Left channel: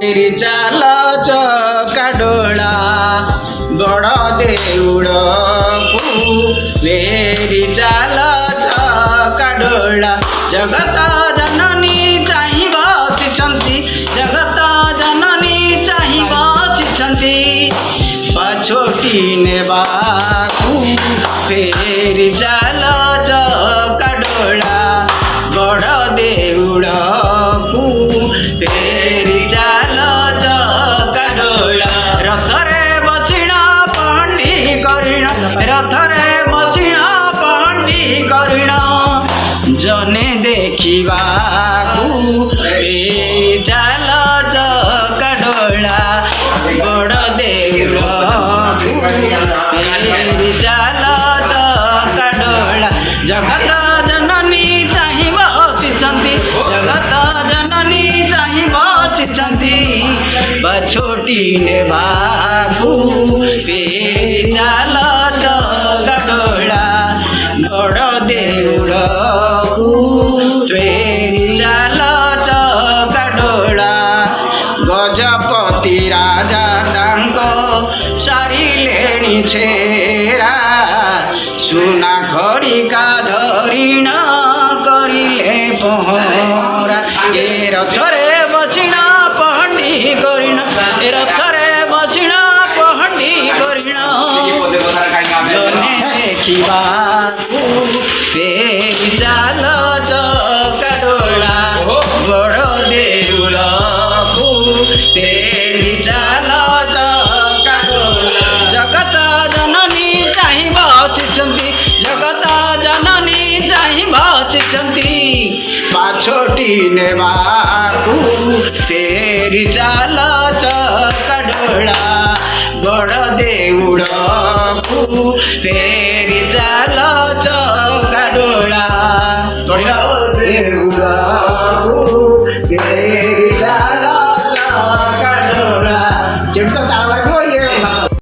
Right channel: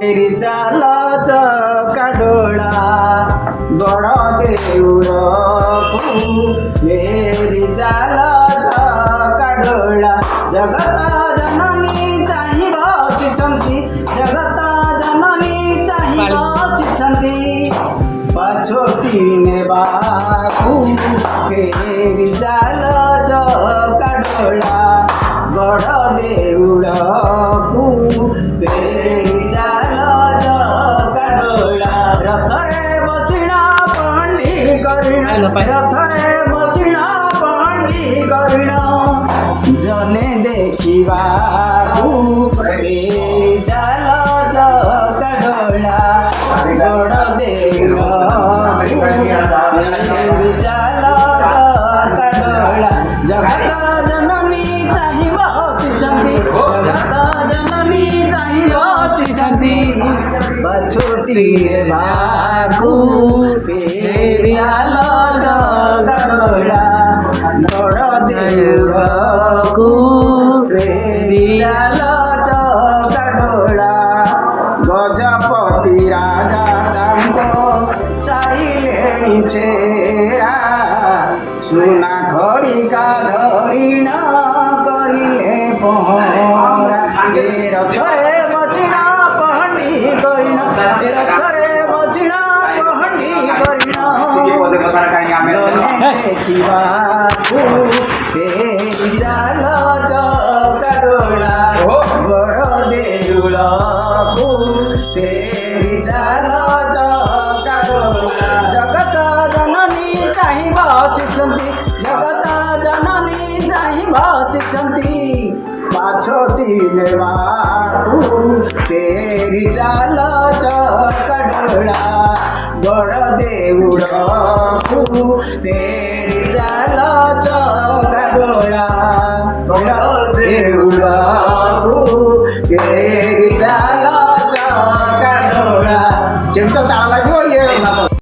फेरी चाल चकाडोला बड़ देउड़कू फेरी चाल चकाडोला जगत जननी चाहि बसिछन्ति जगत जननी चाहि बसिछन्ति पछोटी नेबाकू फेरी चाल चकाडोला बड़ देउड़कू फेरी चाल चकाडोला रथरे बसिणा पहंडी करिण रथरे बसिणा पहंडी करिण जने देखिबाकू फेरी चाल चकाडोला बड़ देउड़कू फेरी चाल चकाडोला जगत जननी चाहि बसिछन्ति जगत जननी चाहि बसिछन्ति पछोटी नेबाकू फेरी चाल चकाडोला बड़ देउड़कू फेरी चाल चकाडोला गजपति राजा तांको सारिलेणी छेरा सुना खड़िका धरिण करिले पहरा ए रथरे बसिणा पहंडी करिण ए रथरे बसिणा पहंडी करिण जने देखिबाकू फेरी चाल चकाडोला बड़ देउड़कू फेरी चाल चकाडोला जगत जननी चाहि बसिछन्ति जगत जननी चाहि बसिछन्ति पाछोटी नेबाकू फेरी चाल चकाडोला बड़ देउड़कू फेरी चाल चकाडोला बड़ देउड़कू।